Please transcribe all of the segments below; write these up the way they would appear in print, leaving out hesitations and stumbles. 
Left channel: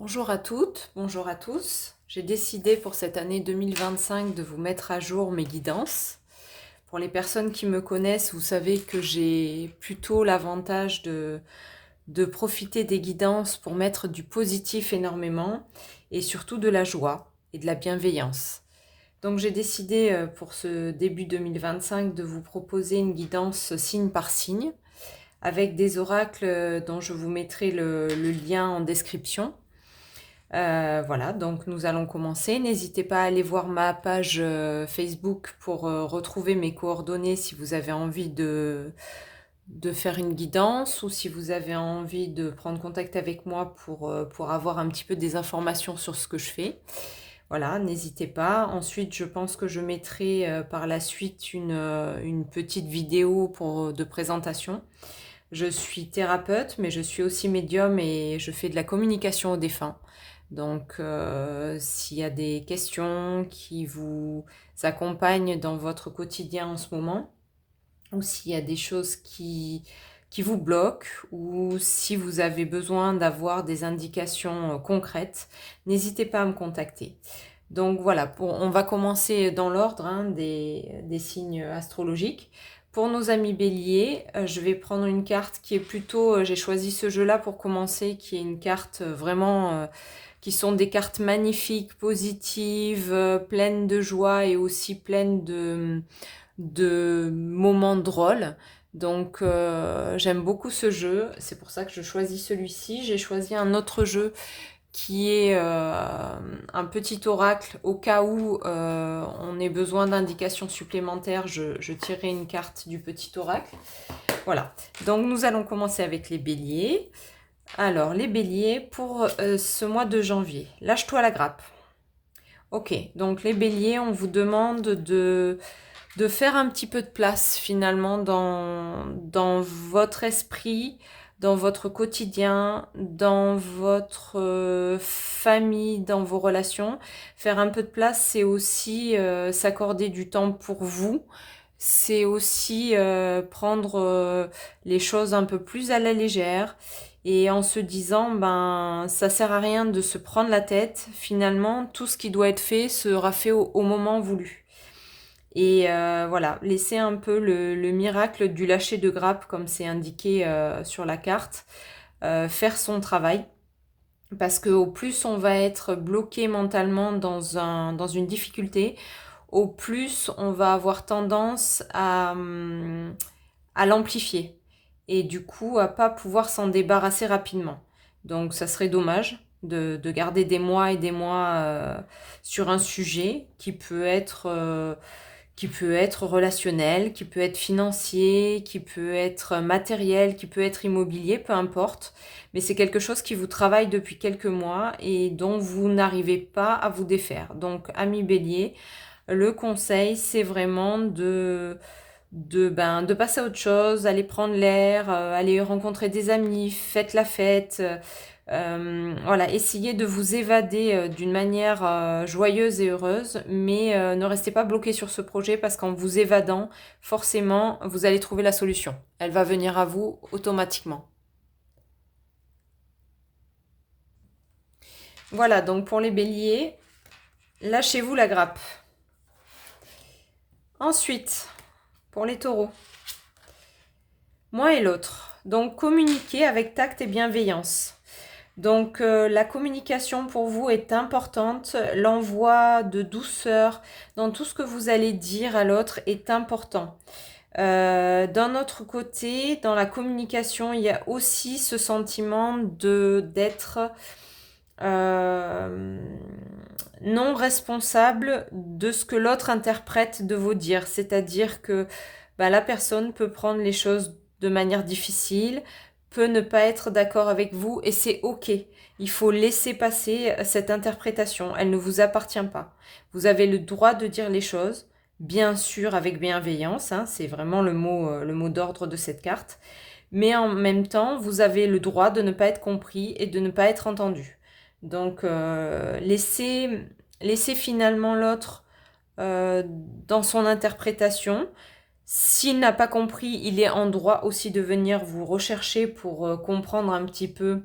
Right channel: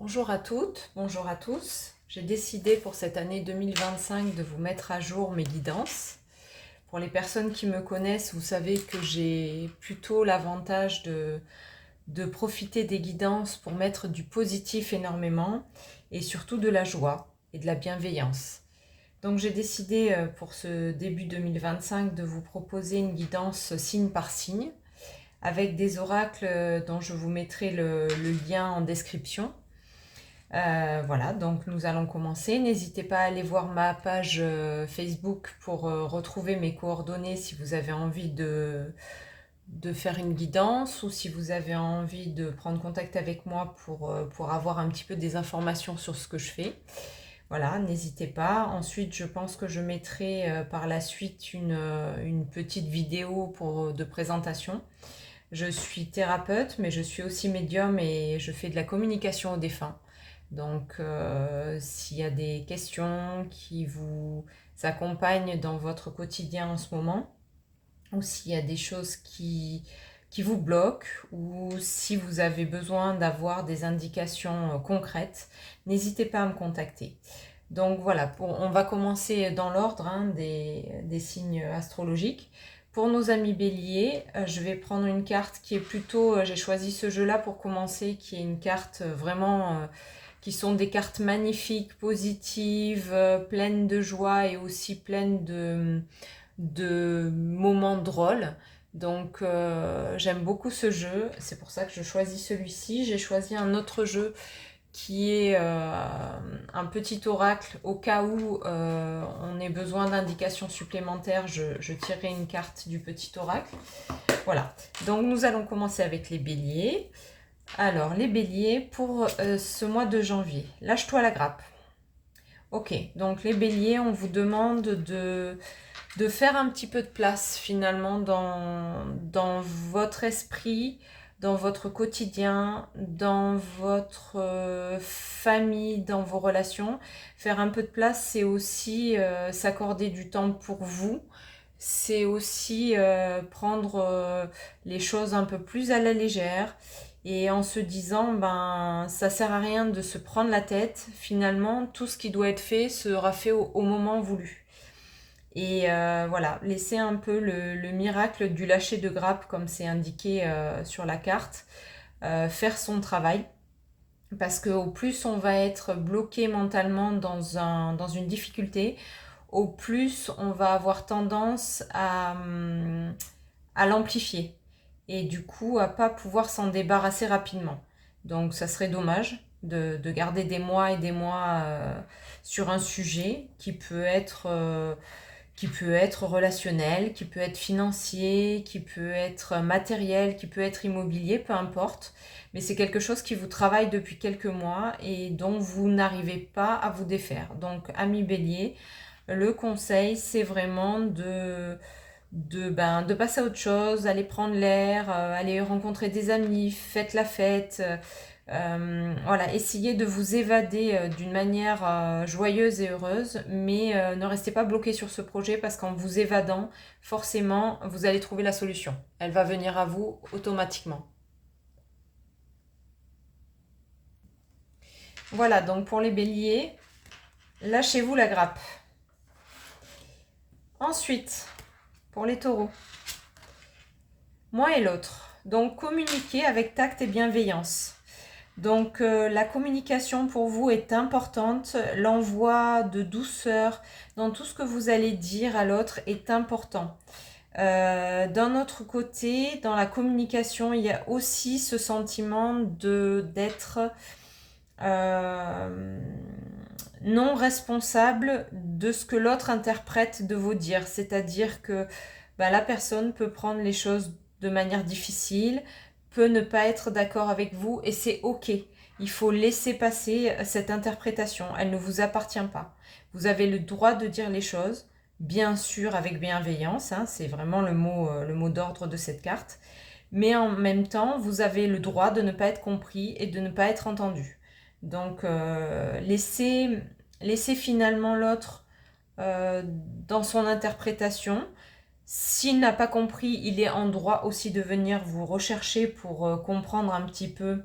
Bonjour à toutes, bonjour à tous. J'ai décidé pour cette année 2025 de vous mettre à jour mes guidances. Pour les personnes qui me connaissent, vous savez que j'ai plutôt l'avantage de profiter des guidances pour mettre du positif énormément et surtout de la joie et de la bienveillance. Donc j'ai décidé pour ce début 2025 de vous proposer une guidance signe par signe avec des oracles dont je vous mettrai le lien en description. Voilà, donc nous allons commencer. N'hésitez pas à aller voir ma page Facebook pour retrouver mes coordonnées si vous avez envie de faire une guidance ou si vous avez envie de prendre contact avec moi pour avoir un petit peu des informations sur ce que je fais. Voilà, n'hésitez pas. Ensuite, je pense que je mettrai par la suite une petite vidéo de présentation. Je suis thérapeute, mais je suis aussi médium et je fais de la communication aux défunts. Donc, s'il y a des questions qui vous accompagnent dans votre quotidien en ce moment, ou s'il y a des choses qui vous bloquent, ou si vous avez besoin d'avoir des indications concrètes, n'hésitez pas à me contacter. Donc voilà, on va commencer dans l'ordre des signes astrologiques. Pour nos amis béliers, je vais prendre une carte qui est plutôt, j'ai choisi ce jeu-là pour commencer, qui est une carte vraiment qui sont des cartes magnifiques, positives, pleines de joie et aussi pleines de moments drôles. Donc j'aime beaucoup ce jeu, c'est pour ça que je choisis celui-ci. J'ai choisi un autre jeu qui est un petit oracle au cas où on ait besoin d'indications supplémentaires. Je tirerai une carte du petit oracle. Voilà, donc nous allons commencer avec les béliers. Alors, les béliers, pour ce mois de janvier, lâche-toi la grappe. Ok, donc les béliers, on vous demande de faire un petit peu de place finalement dans votre esprit, dans votre quotidien, dans votre famille, dans vos relations. Faire un peu de place, c'est aussi s'accorder du temps pour vous. C'est aussi prendre les choses un peu plus à la légère et en se disant ben ça sert à rien de se prendre la tête. Finalement, tout ce qui doit être fait sera fait au moment voulu. Et voilà, laisser un peu le miracle du lâcher de grappe, comme c'est indiqué sur la carte, faire son travail. Parce qu'au plus on va être bloqué mentalement dans une difficulté, au plus on va avoir tendance à l'amplifier. Et du coup, à pas pouvoir s'en débarrasser rapidement. Donc ça serait dommage de garder des mois et des mois sur un sujet qui peut être relationnel, qui peut être financier, qui peut être matériel, qui peut être immobilier, peu importe. Mais c'est quelque chose qui vous travaille depuis quelques mois et dont vous n'arrivez pas à vous défaire. Donc, ami bélier, le conseil, c'est vraiment de passer à autre chose, aller prendre l'air, aller rencontrer des amis, faites la fête. Voilà, essayez de vous évader d'une manière joyeuse et heureuse, mais ne restez pas bloqué sur ce projet parce qu'en vous évadant, forcément, vous allez trouver la solution. Elle va venir à vous automatiquement. Voilà, donc pour les béliers, lâchez-vous la grappe. Ensuite, pour les taureaux, moi et l'autre. Donc communiquez avec tact et bienveillance. Donc la communication pour vous est importante, l'envoi de douceur dans tout ce que vous allez dire à l'autre est important. D'un autre côté, dans la communication, il y a aussi ce sentiment d'être euh, non responsable de ce que l'autre interprète de vos dires. C'est-à-dire que bah, la personne peut prendre les choses de manière difficile, peut ne pas être d'accord avec vous et c'est ok. Il faut laisser passer cette interprétation. Elle ne vous appartient pas. Vous avez le droit de dire les choses, bien sûr avec bienveillance, hein, c'est vraiment le mot d'ordre de cette carte. Mais en même temps, vous avez le droit de ne pas être compris et de ne pas être entendu. Donc, laissez finalement l'autre dans son interprétation. S'il n'a pas compris, il est en droit aussi de venir vous rechercher pour comprendre un petit peu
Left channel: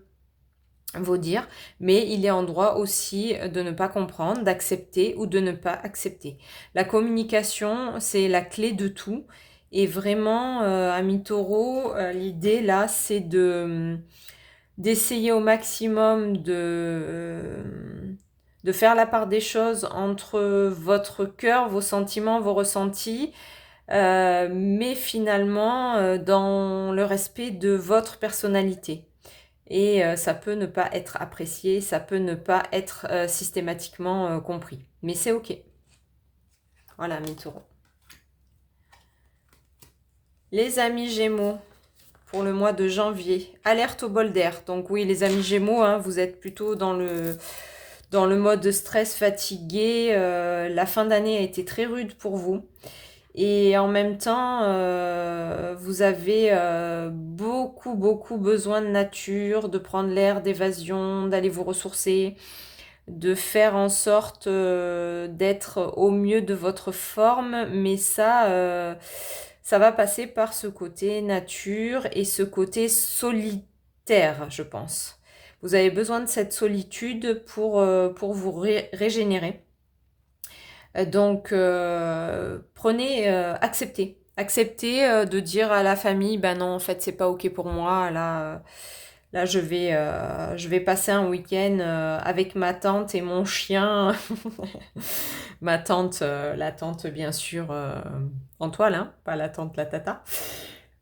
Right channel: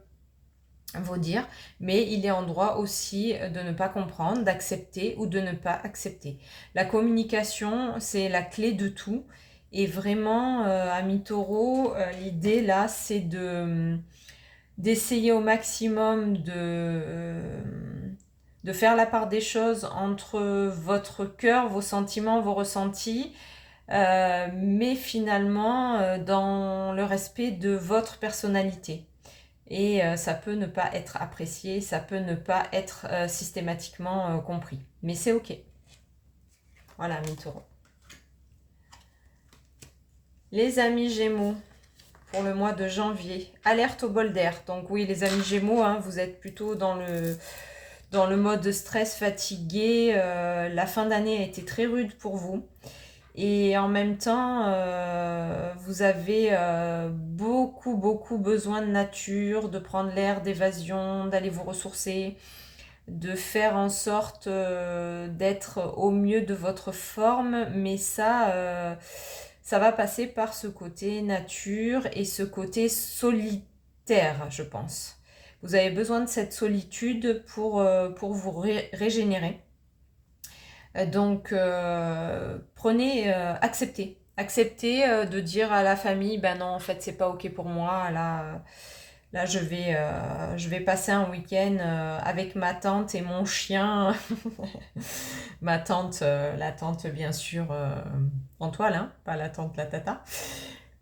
vos dires, mais il est en droit aussi de ne pas comprendre, d'accepter ou de ne pas accepter. La communication, c'est la clé de tout. Et vraiment, ami Taureau, l'idée là, c'est d'essayer au maximum de faire la part des choses entre votre cœur, vos sentiments, vos ressentis, mais finalement dans le respect de votre personnalité. Et ça peut ne pas être apprécié, ça peut ne pas être systématiquement compris. Mais c'est ok. Voilà, mes taureaux. Les amis Gémeaux, pour le mois de janvier, alerte au bol d'air. Donc oui, les amis Gémeaux, hein, vous êtes plutôt dans le mode de stress, fatigué. La fin d'année a été très rude pour vous. Et en même temps, vous avez beaucoup, beaucoup besoin de nature, de prendre l'air, d'évasion, d'aller vous ressourcer, de faire en sorte d'être au mieux de votre forme. Mais ça va passer par ce côté nature et ce côté solitaire, je pense. Vous avez besoin de cette solitude pour vous régénérer. Donc, acceptez. Acceptez de dire à la famille, ben non, en fait, c'est pas ok pour moi. Là je vais passer un week-end avec ma tante et mon chien. Ma tante, la tante, bien sûr, en toile, hein, pas la tante, la tata.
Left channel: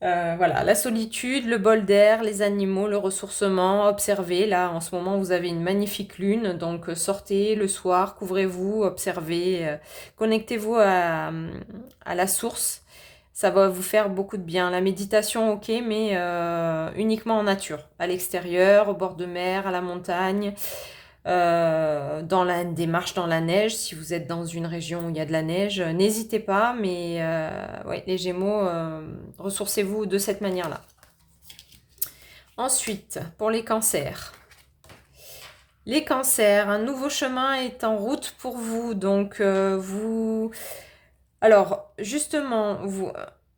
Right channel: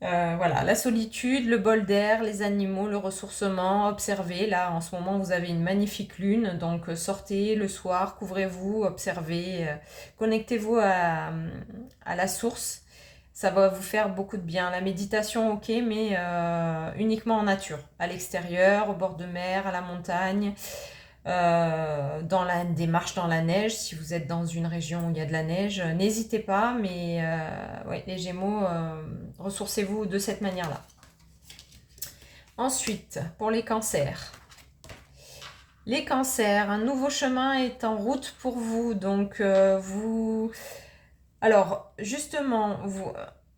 Voilà, la solitude, le bol d'air, les animaux, le ressourcement, observez. Là, en ce moment, vous avez une magnifique lune, donc sortez le soir, couvrez-vous, observez, connectez-vous à la source. Ça va vous faire beaucoup de bien. La méditation, ok, mais uniquement en nature, à l'extérieur, au bord de mer, à la montagne, des marches dans la neige, si vous êtes dans une région où il y a de la neige, n'hésitez pas, mais ouais, les Gémeaux, ressourcez-vous de cette manière-là. Ensuite, pour les cancers. Les cancers, un nouveau chemin est en route pour vous, donc vous... Alors, justement,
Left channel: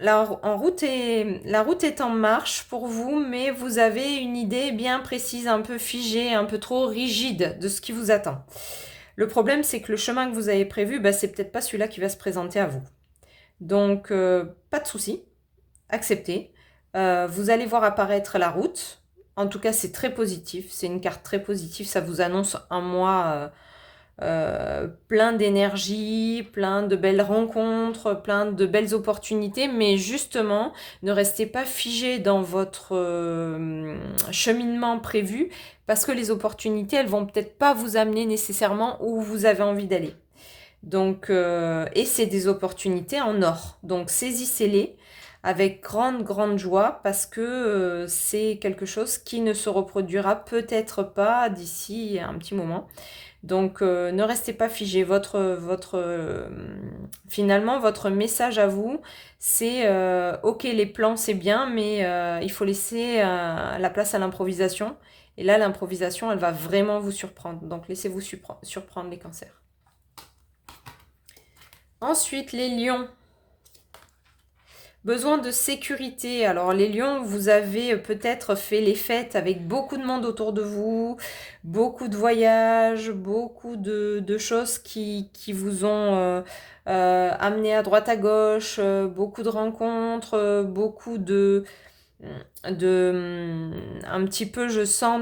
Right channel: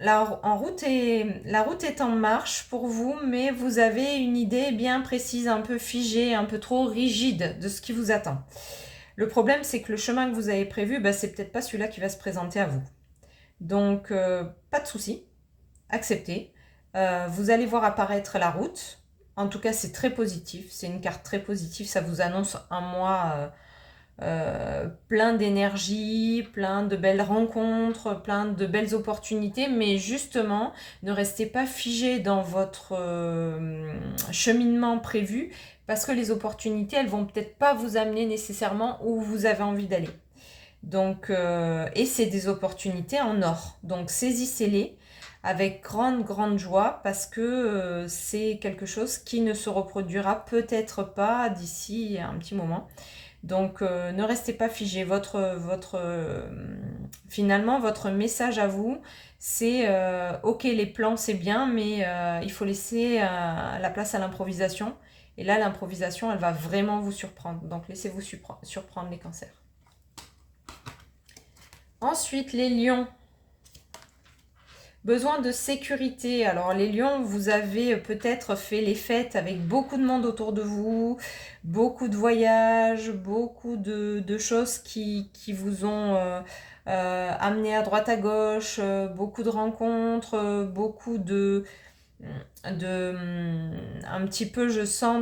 la route est en marche pour vous, mais vous avez une idée bien précise, un peu figée, un peu trop rigide de ce qui vous attend. Le problème, c'est que le chemin que vous avez prévu, c'est peut-être pas celui-là qui va se présenter à vous. Donc, pas de souci, acceptez. Vous allez voir apparaître la route. En tout cas, c'est très positif. C'est une carte très positive. Ça vous annonce un mois plein d'énergie, plein de belles rencontres, plein de belles opportunités. Mais justement, ne restez pas figé dans votre cheminement prévu parce que les opportunités, elles vont peut-être pas vous amener nécessairement où vous avez envie d'aller. Donc, et c'est des opportunités en or. Donc, saisissez-les avec grande, grande joie parce que c'est quelque chose qui ne se reproduira peut-être pas d'ici un petit moment. Donc, ne restez pas figé. Finalement, votre message à vous, c'est ok, les plans, c'est bien, mais il faut laisser la place à l'improvisation. Et là, l'improvisation, elle va vraiment vous surprendre. Donc, laissez-vous surprendre les cancers. Ensuite, les lions. Besoin de sécurité. Alors les lions, vous avez peut-être fait les fêtes avec beaucoup de monde autour de vous, beaucoup de voyages, beaucoup de choses qui vous ont amené à droite à gauche, beaucoup de rencontres, beaucoup un petit peu, je sens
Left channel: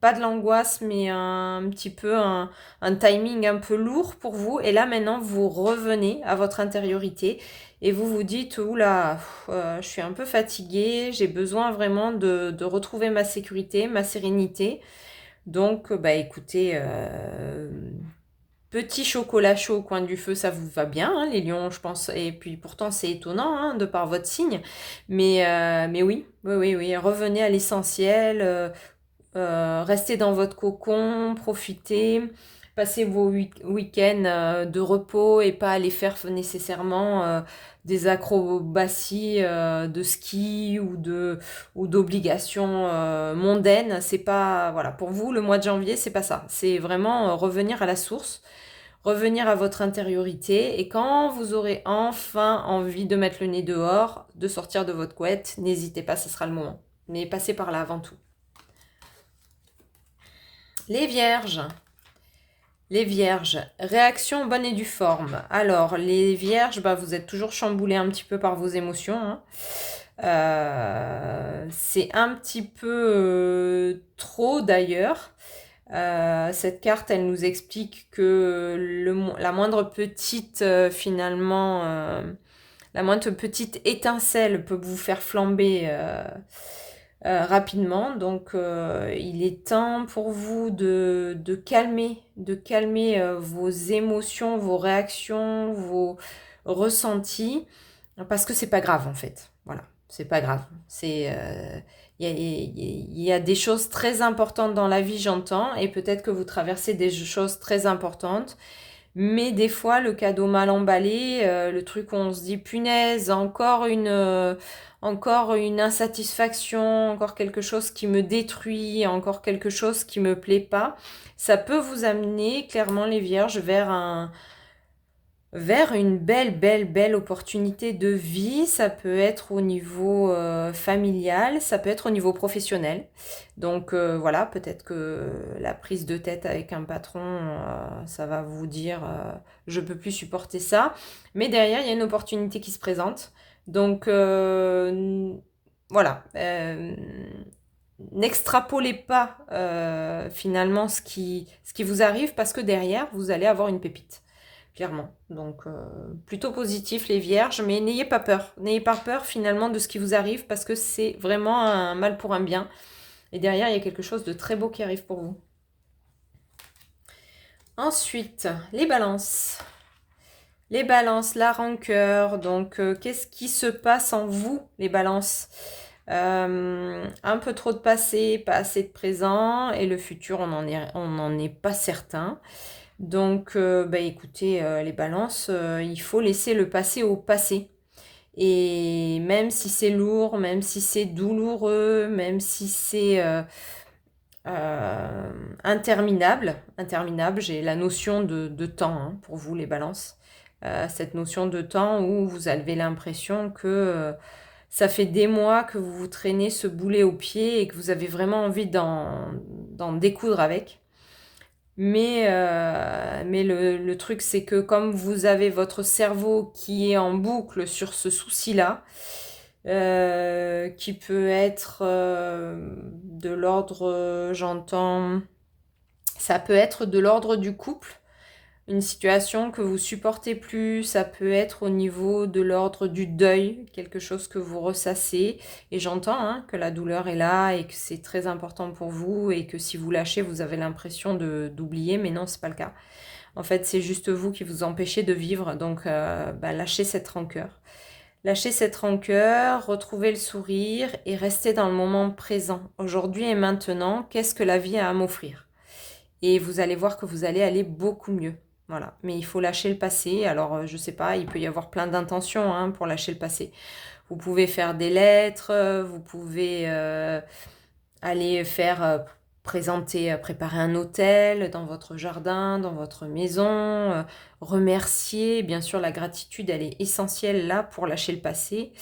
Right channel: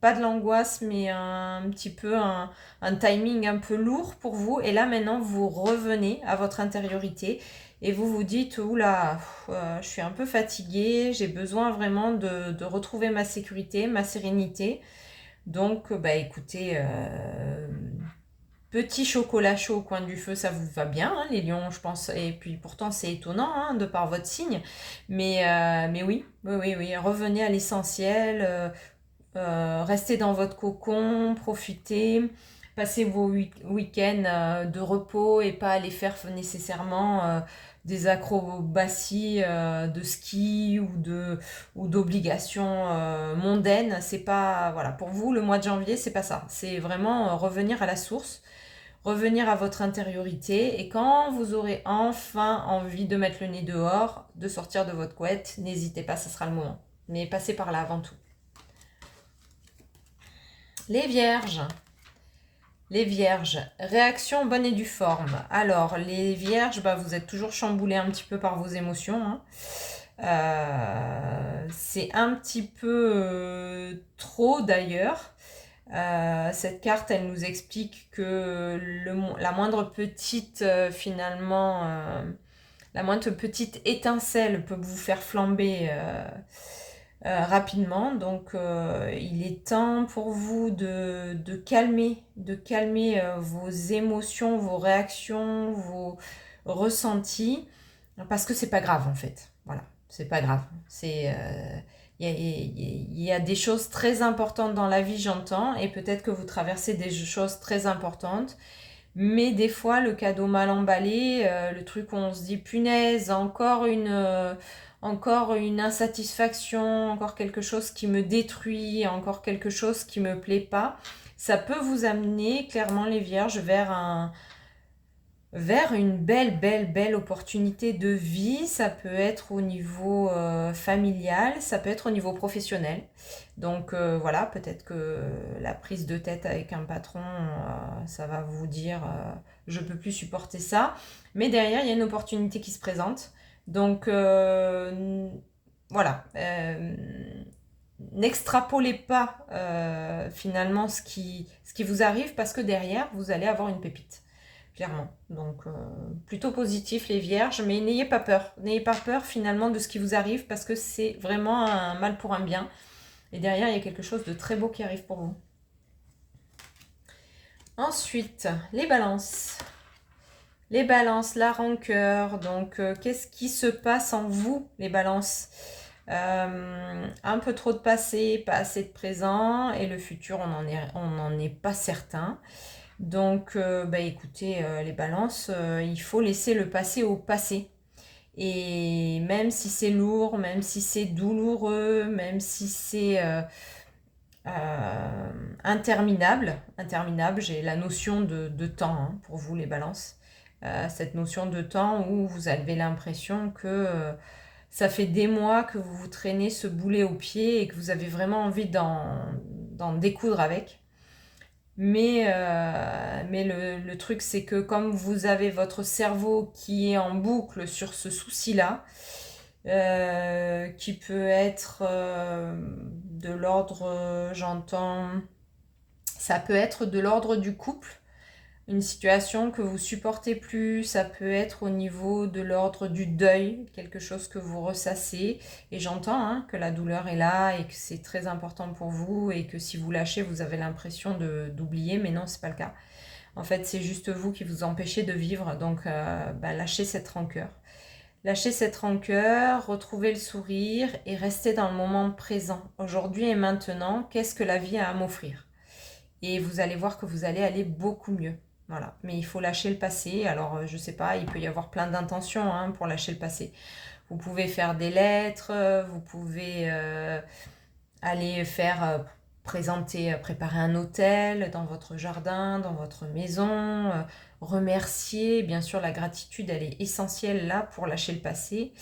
pas de l'angoisse, mais un petit peu un timing un peu lourd pour vous. Et là, maintenant, vous revenez à votre intériorité et vous vous dites, oula, je suis un peu fatiguée, j'ai besoin vraiment de retrouver ma sécurité, ma sérénité. Donc, écoutez, petit chocolat chaud au coin du feu, ça vous va bien, hein, les lions, je pense. Et puis pourtant, c'est étonnant, hein, de par votre signe. Mais oui, revenez à l'essentiel. Restez dans votre cocon, profitez, passez vos week-ends de repos et pas aller faire nécessairement des acrobaties de ski ou d'obligations mondaines. C'est pas, voilà, pour vous, le mois de janvier, c'est pas ça. C'est vraiment revenir à la source, revenir à votre intériorité. Et quand vous aurez enfin envie de mettre le nez dehors, de sortir de votre couette, n'hésitez pas, ce sera le moment. Mais passez par là avant tout. Les vierges. Les vierges, réaction bonne et due forme. Alors, les vierges, bah, vous êtes toujours chamboulés un petit peu par vos émotions, hein. C'est un petit peu trop d'ailleurs. Cette carte, elle nous explique que la moindre petite, la moindre petite étincelle peut vous faire flamber rapidement. Donc, il est temps pour vous de calmer vos émotions, vos réactions, vos ressentis, parce que c'est pas grave en fait. Voilà, c'est pas grave. Il y a des choses très importantes dans la vie, j'entends, et peut-être que vous traversez des choses très importantes. Mais des fois, le cadeau mal emballé, le truc où on se dit punaise, encore une insatisfaction, encore quelque chose qui me détruit, encore quelque chose qui me plaît pas, ça peut vous amener clairement les vierges vers une belle opportunité de vie. Ça peut être au niveau familial, ça peut être au niveau professionnel. Donc voilà, peut-être que la prise de tête avec un patron, ça va vous dire je peux plus supporter ça. Mais derrière, il y a une opportunité qui se présente. Donc voilà. N'extrapolez pas finalement ce qui vous arrive, parce que derrière, vous allez avoir une pépite. Clairement. Donc, plutôt positif les vierges, mais n'ayez pas peur. N'ayez pas peur finalement de ce qui vous arrive, parce que c'est vraiment un mal pour un bien. Et derrière, il y a quelque chose de très beau qui arrive pour vous. Ensuite, les balances. Les balances, la rancœur. Donc, qu'est-ce qui se passe en vous, les balances? Un peu trop de passé, pas assez de présent, et le futur, on n'en est pas certain. Donc, bah, écoutez, les balances, il faut laisser le passé au passé. Et même si c'est lourd, même si c'est douloureux, même si c'est interminable, j'ai la notion de temps, hein, pour vous, les balances. Cette notion de temps où vous avez l'impression que ça fait des mois que vous vous traînez ce boulet au pied et que vous avez vraiment envie d'en découdre avec. Mais le truc, c'est que comme vous avez votre cerveau qui est en boucle sur ce souci-là, qui peut être de l'ordre, j'entends, ça peut être de l'ordre du couple, une situation que vous supportez plus, ça peut être au niveau de l'ordre du deuil, quelque chose que vous ressassez. Et j'entends, hein, que la douleur est là et que c'est très important pour vous, et que si vous lâchez, vous avez l'impression d'oublier, mais non, c'est pas le cas. En fait, c'est juste vous qui vous empêchez de vivre. Donc, bah, lâchez cette rancœur. Lâchez cette rancœur, retrouvez le sourire et restez dans le moment présent. Aujourd'hui et maintenant, qu'est-ce que la vie a à m'offrir? Et vous allez voir que vous allez aller beaucoup mieux. Voilà. Mais il faut lâcher le passé. Alors, je sais pas, il peut y avoir plein d'intentions, hein, pour lâcher le passé. Vous pouvez faire des lettres, vous pouvez aller préparer un hôtel dans votre jardin, dans votre maison, remercier. Bien sûr, la gratitude, elle est essentielle là pour lâcher le passé.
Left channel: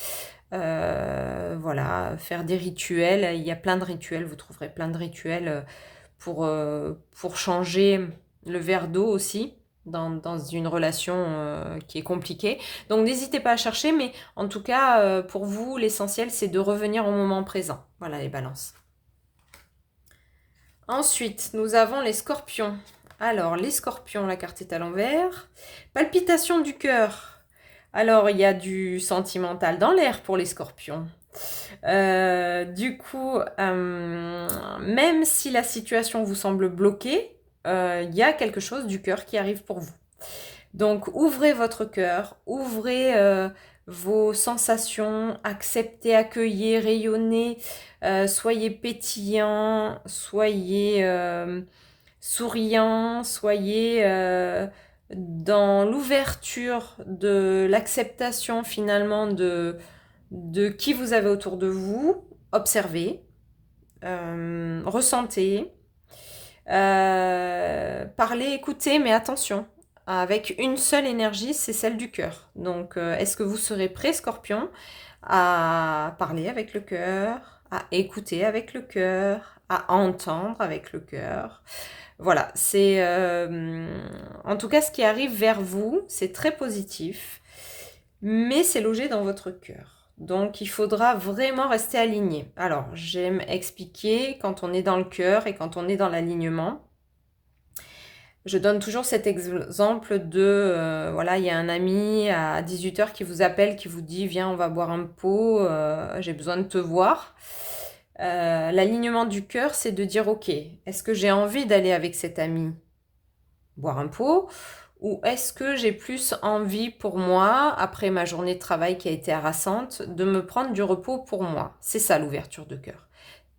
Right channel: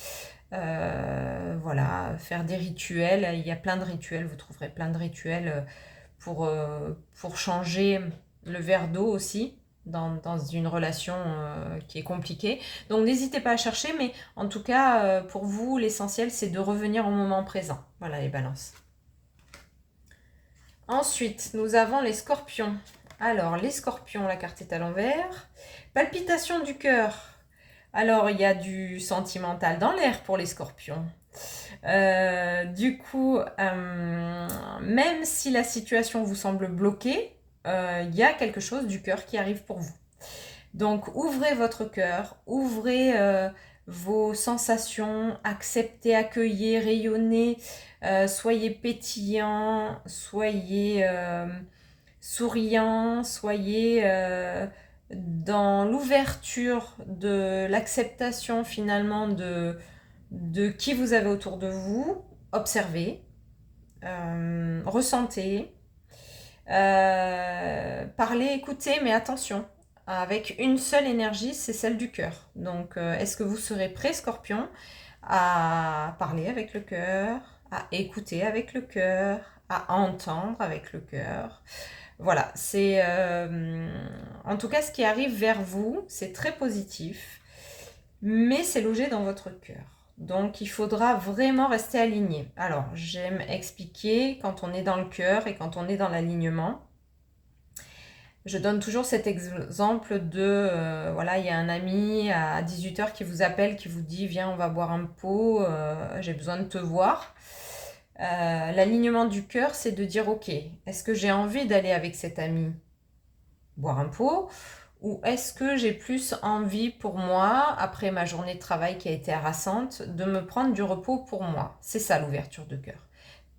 Voilà, faire des rituels. Il y a plein de rituels, vous trouverez plein de rituels pour changer le verre d'eau aussi dans une relation qui est compliquée. Donc n'hésitez pas à chercher, mais en tout cas, pour vous, l'essentiel, c'est de revenir au moment présent. Voilà les balances. Ensuite, nous avons les scorpions. Alors, les scorpions, la carte est à l'envers. Palpitation du cœur. Alors, il y a du sentimental dans l'air pour les scorpions. Du coup, même si la situation vous semble bloquée, il y a quelque chose du cœur qui arrive pour vous. Donc, ouvrez votre cœur, ouvrez vos sensations, acceptez, accueillez, rayonnez, soyez pétillant, soyez souriant, soyez dans l'ouverture de l'acceptation finalement de qui vous avez autour de vous. Observez, ressentez, parlez, écoutez, mais attention, avec une seule énergie, c'est celle du cœur. Donc, est-ce que vous serez prêt, Scorpion, à parler avec le cœur, à écouter avec le cœur, à entendre avec le cœur. Voilà, c'est en tout cas ce qui arrive vers vous, c'est très positif, mais c'est logé dans votre cœur. Donc il faudra vraiment rester aligné. Alors j'aime expliquer quand on est dans le cœur et quand on est dans l'alignement. Je donne toujours cet exemple de, voilà, il y a un ami à 18h qui vous appelle, qui vous dit, viens, on va boire un pot, j'ai besoin de te voir. L'alignement du cœur, c'est de dire, ok, est-ce que j'ai envie d'aller avec cet ami boire un pot, ou est-ce que j'ai plus envie pour moi, après ma journée de travail qui a été harassante, de me prendre du repos pour moi? C'est ça l'ouverture de cœur.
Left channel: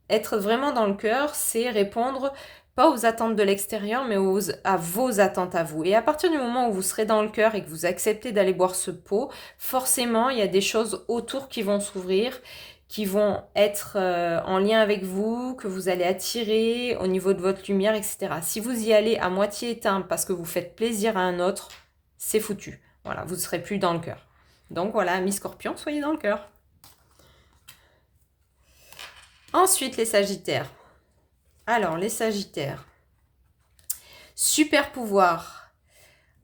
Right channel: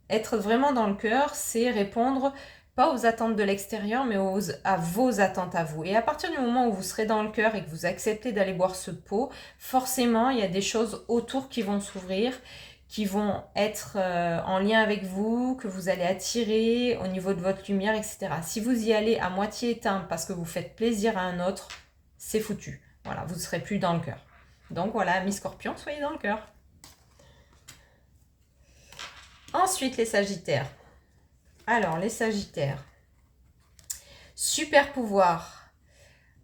Être vraiment dans le cœur, c'est répondre pas aux attentes de l'extérieur, mais à vos attentes à vous. Et à partir du moment où vous serez dans le cœur et que vous acceptez d'aller boire ce pot, forcément, il y a des choses autour qui vont s'ouvrir, qui vont être en lien avec vous, que vous allez attirer au niveau de votre lumière, etc. Si vous y allez à moitié éteint parce que vous faites plaisir à un autre, c'est foutu. Voilà, vous ne serez plus dans le cœur. Donc voilà, mi-scorpion, soyez dans le cœur. Ensuite, les sagittaires. Alors, les sagittaires. Super pouvoir.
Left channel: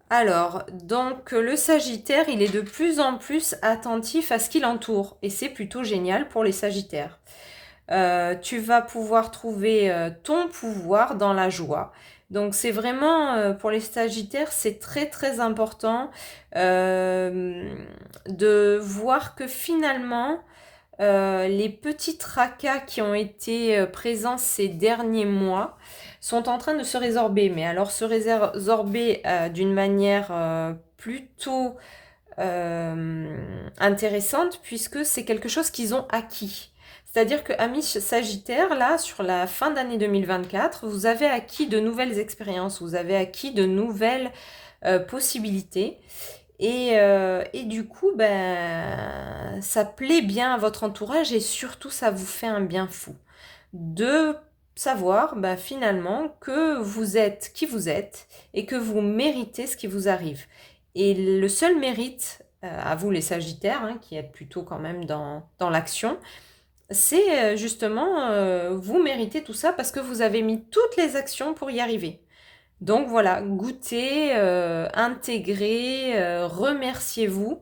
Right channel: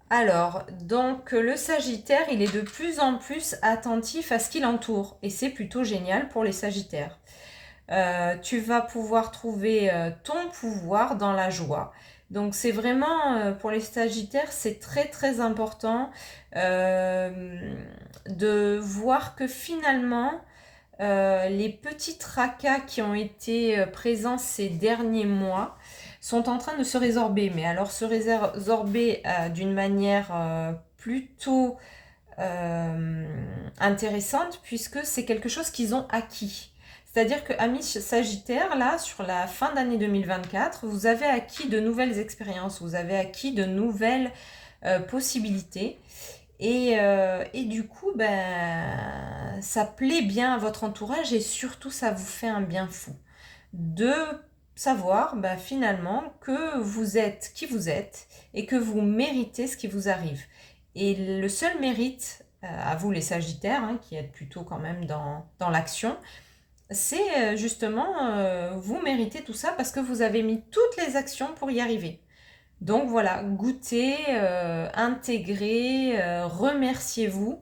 Alors, donc le sagittaire, il est de plus en plus attentif à ce qui l'entoure. Et c'est plutôt génial pour les sagittaires. Tu vas pouvoir trouver ton pouvoir dans la joie. Donc c'est vraiment, pour les sagittaires, c'est très très important de voir que finalement, les petits tracas qui ont été présents ces derniers mois sont en train de se résorber. Mais alors se résorber d'une manière plutôt intéressante, puisque c'est quelque chose qu'ils ont acquis. C'est-à-dire que, amis Sagittaires, là, sur la fin d'année 2024, vous avez acquis de nouvelles expériences, vous avez acquis de nouvelles possibilités. Et du coup, ben, ça plaît bien à votre entourage et surtout, ça vous fait un bien fou de savoir ben, finalement que vous êtes qui vous êtes et que vous méritez ce qui vous arrive. Et le seul mérite, à vous les Sagittaires, hein, qui êtes plutôt quand même dans l'action, c'est justement, vous méritez tout ça parce que vous avez mis toutes les actions pour y arriver. Donc voilà, goûtez, intégrez, remerciez-vous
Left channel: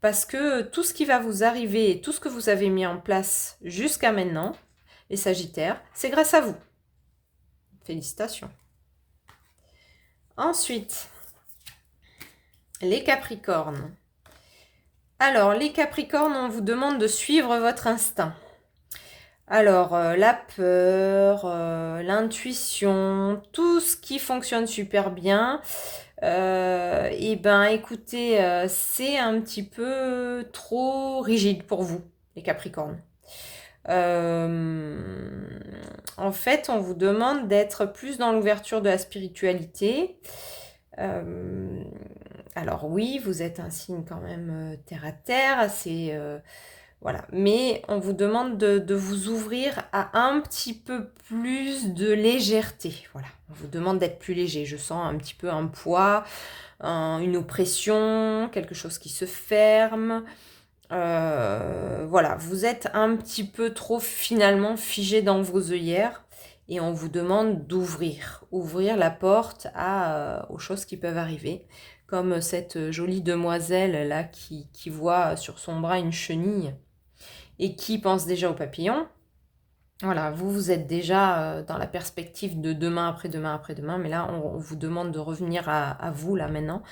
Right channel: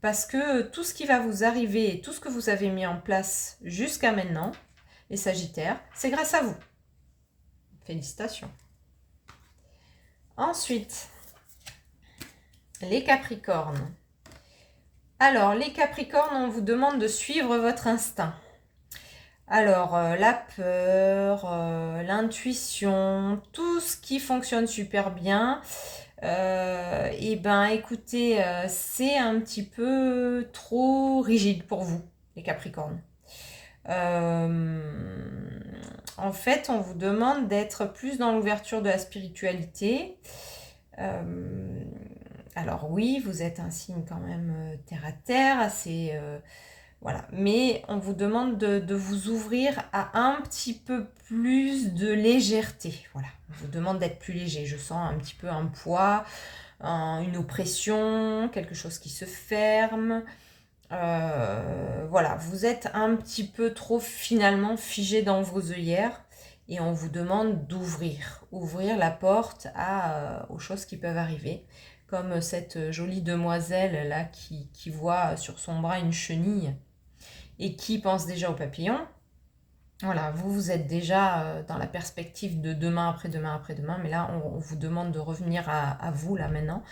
parce que tout ce qui va vous arriver et tout ce que vous avez mis en place jusqu'à maintenant, les Sagittaires, c'est grâce à vous. Félicitations. Ensuite, les Capricornes. Alors, les Capricornes, on vous demande de suivre votre instinct. Alors, la peur, l'intuition, tout ce qui fonctionne super bien, et ben écoutez, c'est un petit peu trop rigide pour vous, les Capricornes. En fait, on vous demande d'être plus dans l'ouverture de la spiritualité. Alors oui, vous êtes un signe quand même terre à terre, assez... voilà. Mais on vous demande de vous ouvrir à un petit peu plus de légèreté. Voilà. On vous demande d'être plus léger. Je sens un petit peu un poids, une oppression, quelque chose qui se ferme. Voilà. Vous êtes un petit peu trop finalement figé dans vos œillères. Et on vous demande ouvrir la porte aux choses qui peuvent arriver. Comme cette jolie demoiselle là qui voit sur son bras une chenille et qui pense déjà aux papillons. Voilà, vous êtes déjà dans la perspective de demain, après-demain, après-demain, mais là, on vous demande de revenir à vous, là, maintenant,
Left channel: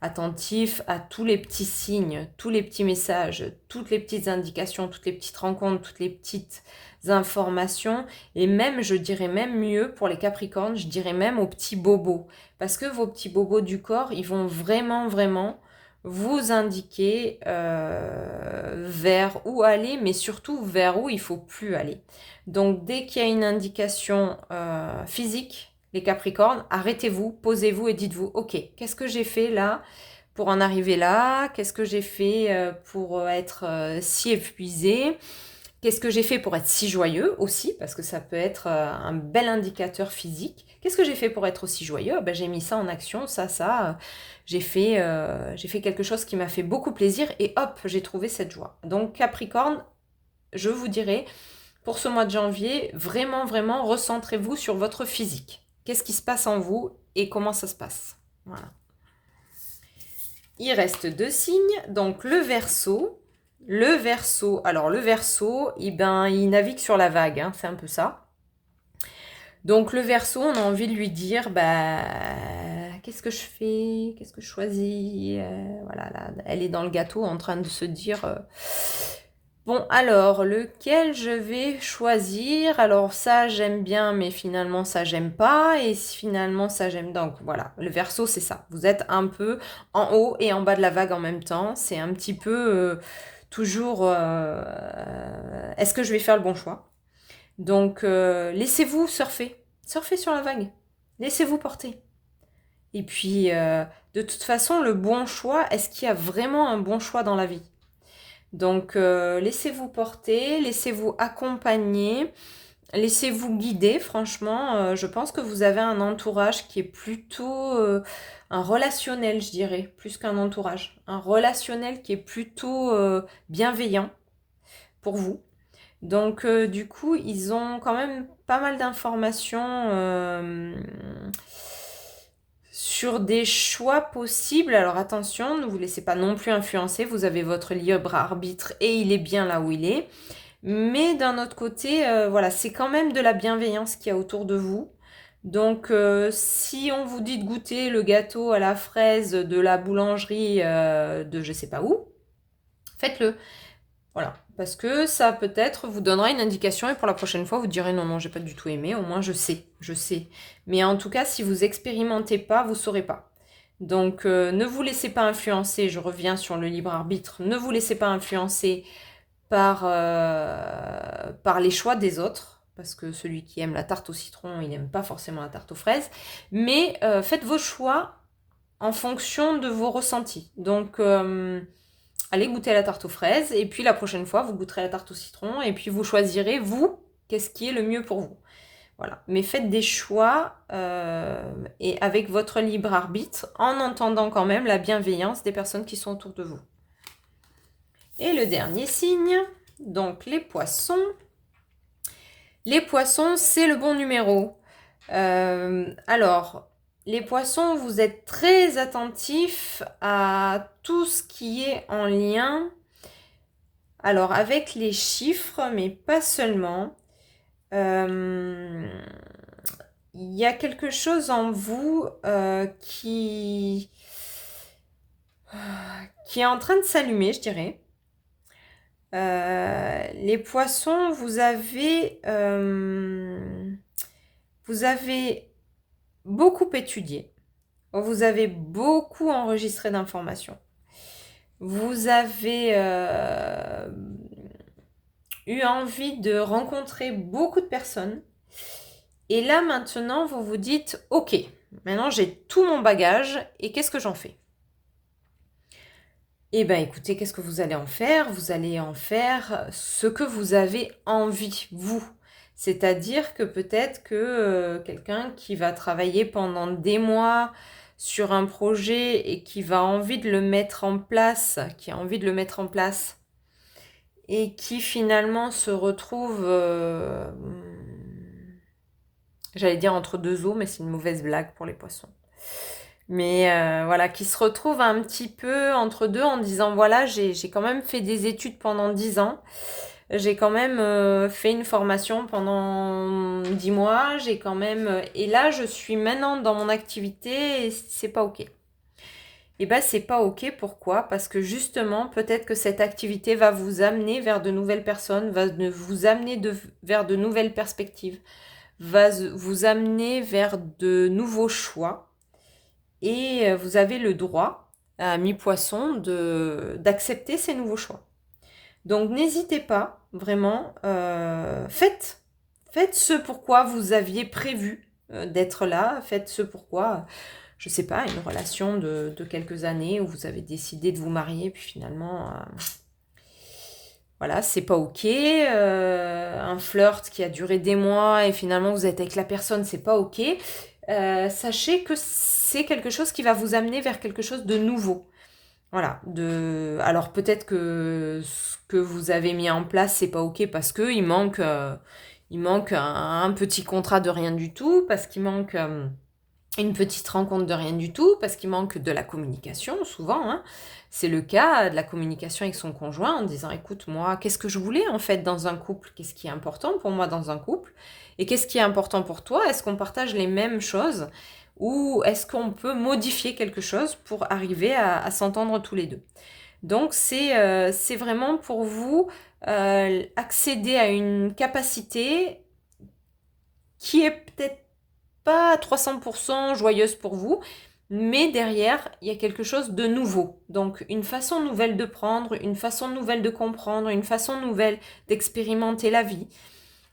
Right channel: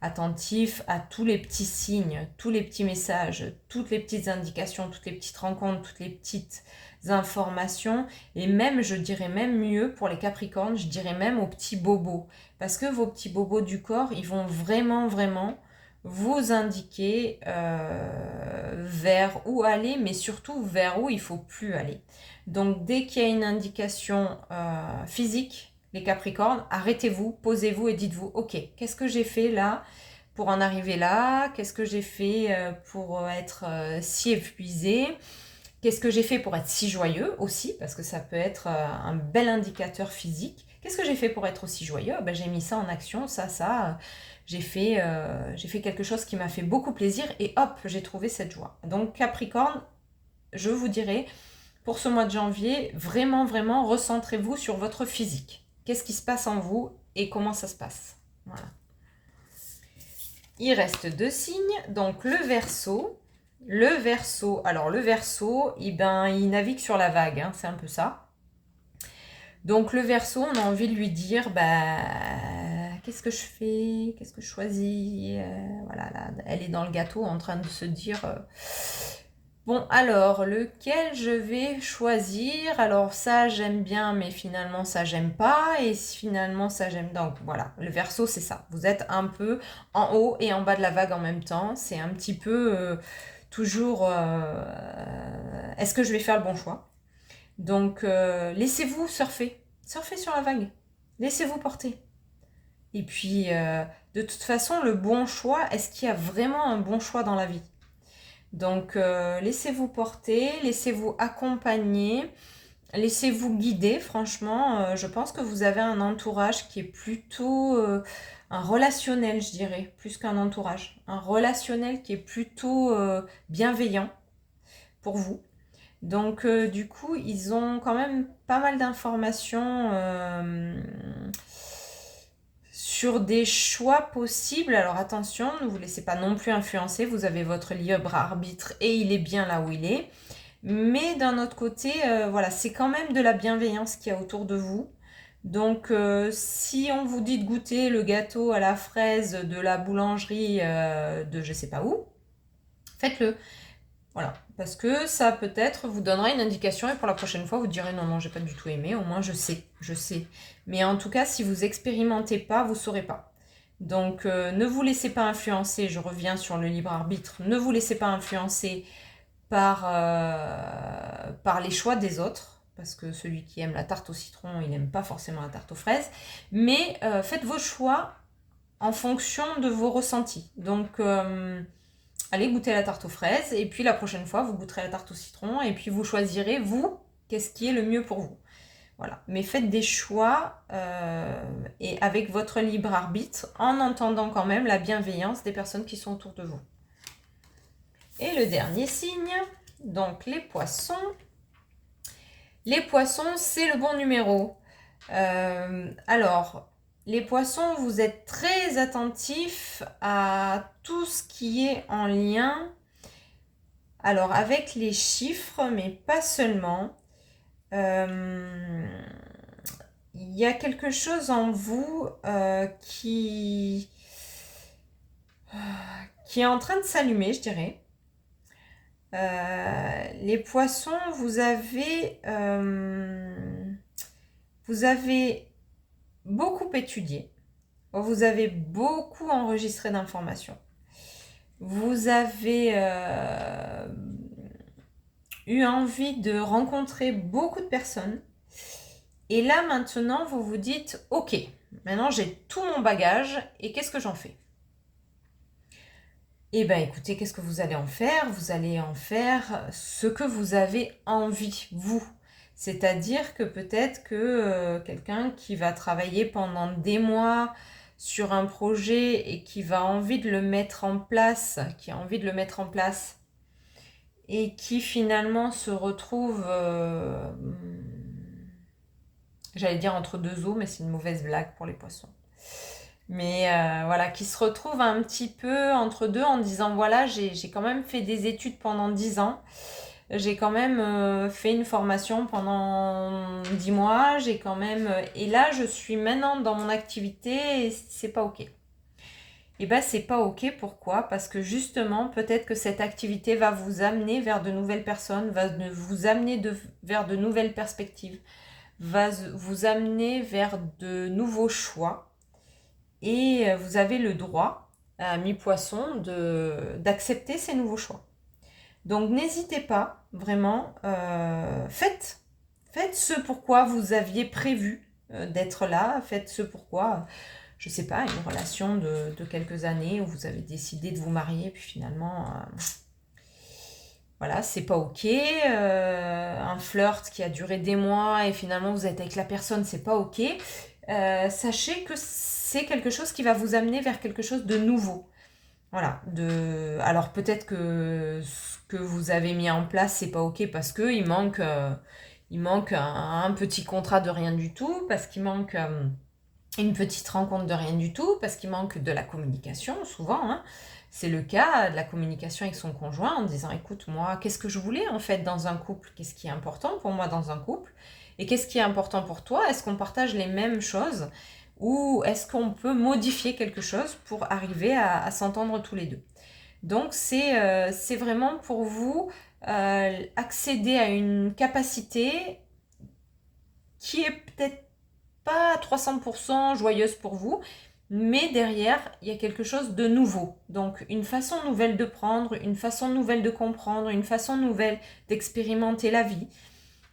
attentif à tous les petits signes, tous les petits messages, toutes les petites indications, toutes les petites rencontres, toutes les petites informations, et même, je dirais même mieux, pour les Capricornes, je dirais même aux petits bobos, parce que vos petits bobos du corps, ils vont vraiment, vraiment vous indiquer vers où aller, mais surtout vers où il ne faut plus aller. Donc, dès qu'il y a une indication physique, les Capricornes, arrêtez-vous, posez-vous et dites-vous, ok, qu'est-ce que j'ai fait là pour en arriver là? Qu'est-ce que j'ai fait pour être si épuisé? Qu'est-ce que j'ai fait pour être si joyeux aussi? Parce que ça peut être un bel indicateur physique. Qu'est-ce que j'ai fait pour être aussi joyeux? Ben, j'ai mis ça en action, ça. J'ai fait quelque chose qui m'a fait beaucoup plaisir et hop, j'ai trouvé cette joie. Donc Capricorne, je vous dirais, pour ce mois de janvier, vraiment, vraiment, recentrez-vous sur votre physique. Qu'est-ce qui se passe en vous et comment ça se passe? Voilà. Il reste 2 signes, donc le Verseau. Le Verseau, alors le Verseau, il navigue sur la vague, hein, c'est un peu ça. Donc le Verseau, on a envie de lui dire, qu'est-ce que je fais? Qu'est-ce que je choisis? Voilà, là, elle est dans le gâteau en train de se dire, bon, alors, lequel je vais choisir? Alors ça, j'aime bien, mais finalement, ça, j'aime pas. Et finalement, ça, j'aime. Donc voilà, le Verseau, c'est ça. Vous êtes un peu en haut et en bas de la vague en même temps. C'est un petit peu toujours, est-ce que je vais faire le bon choix? Donc, laissez-vous surfer. Surfer sur la vague. Laissez-vous porter. Et puis, de toute façon, le bon choix, est-ce qu'il y a vraiment un bon choix dans la vie? Donc, laissez-vous porter, laissez-vous accompagner, laissez-vous guider. Franchement, je pense que vous avez un entourage qui est plutôt un relationnel, je dirais, plus qu'un entourage. Un relationnel qui est plutôt bienveillant pour vous. Donc, du coup, ils ont quand même pas mal d'informations sur des choix possibles. Alors attention, ne vous laissez pas non plus influencer. Vous avez votre libre arbitre et il est bien là où il est. Mais d'un autre côté, voilà, c'est quand même de la bienveillance qu'il y a autour de vous. Donc, si on vous dit de goûter le gâteau à la fraise de la boulangerie de je sais pas où, faites-le. Voilà, parce que ça peut-être vous donnera une indication et pour la prochaine fois vous direz non, non, j'ai pas du tout aimé, au moins je sais, je sais. Mais en tout cas, si vous expérimentez pas, vous saurez pas. Donc ne vous laissez pas influencer, je reviens sur le libre arbitre, ne vous laissez pas influencer par les choix des autres, parce que celui qui aime la tarte au citron, il n'aime pas forcément la tarte aux fraises, mais faites vos choix en fonction de vos ressentis. Donc allez goûter à la tarte aux fraises, et puis la prochaine fois, vous goûterez la tarte au citron, et puis vous choisirez, vous, qu'est-ce qui est le mieux pour vous. Voilà. Mais faites des choix et avec votre libre arbitre, en entendant quand même la bienveillance des personnes qui sont autour de vous. Et le dernier signe, donc les poissons. Les poissons, c'est le bon numéro. Alors, les poissons, vous êtes très attentifs à tout ce qui est en lien, alors avec les chiffres, mais pas seulement. Il y a quelque chose en vous qui est en train de s'allumer, je dirais. Les poissons, vous avez beaucoup étudié, vous avez beaucoup enregistré d'informations, vous avez eu envie de rencontrer beaucoup de personnes, et là maintenant vous vous dites ok, maintenant j'ai tout mon bagage et qu'est-ce que j'en fais? Eh bien écoutez, qu'est-ce que vous allez en faire? Vous allez en faire ce que vous avez envie, vous. C'est-à-dire que peut-être que quelqu'un qui va travailler pendant des mois sur un projet et qui va envie de le mettre en place, qui a envie de le mettre en place et qui finalement se retrouve, j'allais dire entre deux eaux, mais c'est une mauvaise blague pour les poissons. Mais voilà, qui se retrouve un petit peu entre deux en disant voilà, j'ai quand même fait des études pendant 10 ans, j'ai quand même fait une formation pendant 10 mois, j'ai quand même... et là, je suis maintenant dans mon activité et c'est pas ok. Et bien, c'est pas ok, pourquoi? Parce que justement, peut-être que cette activité va vous amener vers de nouvelles personnes, va vous amener vers de nouvelles perspectives, va vous amener vers de nouveaux choix. Et vous avez le droit, mi-poisson, d'accepter ces nouveaux choix. Donc n'hésitez pas, vraiment, faites ce pourquoi vous aviez prévu d'être là, faites ce pourquoi, je ne sais pas, une relation de quelques années où vous avez décidé de vous marier, puis finalement, voilà, c'est pas ok, un flirt qui a duré des mois et finalement vous êtes avec la personne, c'est pas ok. Sachez que c'est quelque chose qui va vous amener vers quelque chose de nouveau. Voilà, alors peut-être que ce que vous avez mis en place, c'est pas OK parce qu'il manque, il manque un petit contrat de rien du tout, parce qu'il manque une petite rencontre de rien du tout, parce qu'il manque de la communication, souvent, hein. C'est le cas de la communication avec son conjoint en disant, écoute, moi, qu'est-ce que je voulais en fait dans un couple? Qu'est-ce qui est important pour moi dans un couple? Et qu'est-ce qui est important pour toi? Est-ce qu'on partage les mêmes choses? Ou est-ce qu'on peut modifier quelque chose pour arriver à s'entendre tous les deux? Donc c'est vraiment pour vous accéder à une capacité qui est peut-être pas à 300% joyeuse pour vous, mais derrière, il y a quelque chose de nouveau. Donc une façon nouvelle de prendre, une façon nouvelle de comprendre, une façon nouvelle d'expérimenter la vie.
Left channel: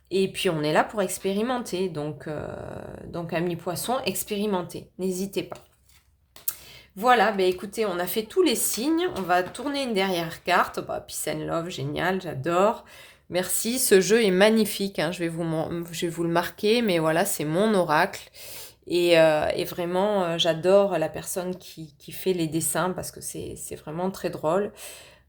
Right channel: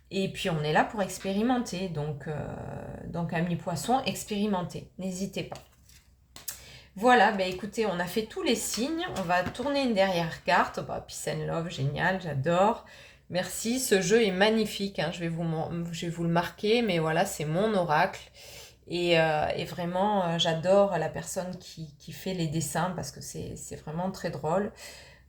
Et puis on est là pour expérimenter, donc amis poissons, expérimentez, n'hésitez pas. Voilà, bah écoutez, on a fait tous les signes, on va tourner une dernière carte. Bah, Peace and Love, génial, j'adore. Merci, ce jeu est magnifique, hein, je vais vous le marquer, mais voilà, c'est mon oracle. Et vraiment, j'adore la personne qui fait les dessins parce que c'est vraiment très drôle.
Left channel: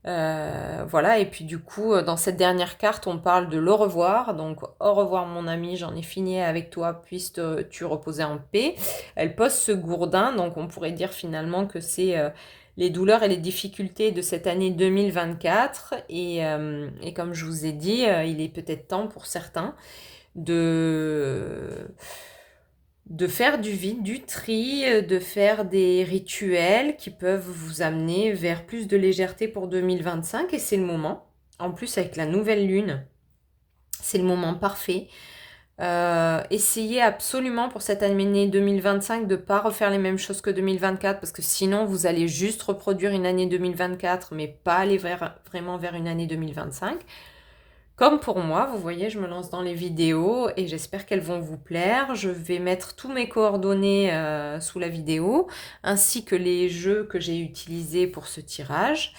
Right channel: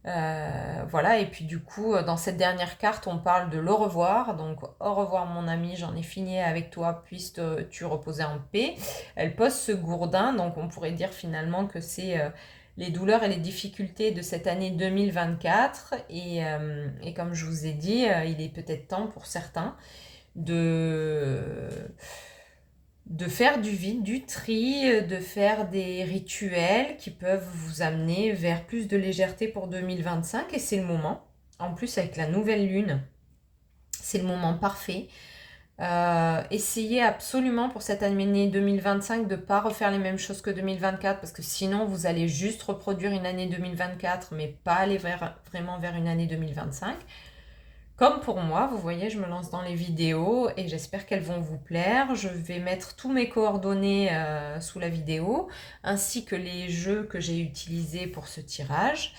Voilà, et puis du coup, dans cette dernière carte, on parle de l'au revoir. Donc, au revoir mon ami, j'en ai fini avec toi, puisses-tu reposer en paix. Elle pose ce gourdin, donc on pourrait dire finalement que c'est les douleurs et les difficultés de cette année 2024. Et comme je vous ai dit, il est peut-être temps pour certains de faire du vide, du tri, de faire des rituels qui peuvent vous amener vers plus de légèreté pour 2025 et c'est le moment. En plus avec la nouvelle lune, c'est le moment parfait. Essayez absolument pour cette année 2025 de ne pas refaire les mêmes choses que 2024 parce que sinon vous allez juste reproduire une année 2024 mais pas aller vraiment vers une année 2025. Comme pour moi, vous voyez, je me lance dans les vidéos et j'espère qu'elles vont vous plaire. Je vais mettre tous mes coordonnées sous la vidéo, ainsi que les jeux que j'ai utilisés pour ce tirage.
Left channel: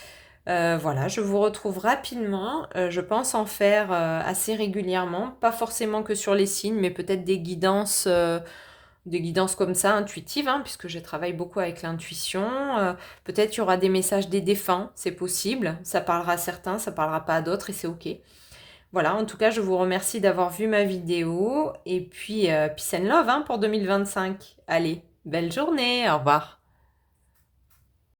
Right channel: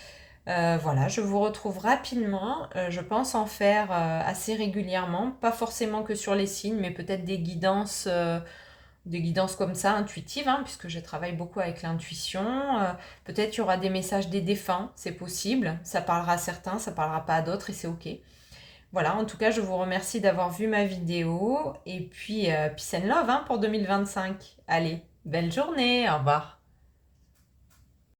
Voilà, je vous retrouve rapidement. Je pense en faire assez régulièrement, pas forcément que sur les signes, mais peut-être des guidances comme ça, intuitives, hein, puisque je travaille beaucoup avec l'intuition. Peut-être il y aura des messages des défunts, c'est possible. Ça parlera à certains, ça parlera pas à d'autres et c'est OK. Voilà, en tout cas, je vous remercie d'avoir vu ma vidéo. Et puis, peace and love hein, pour 2025. Allez, belle journée, au revoir.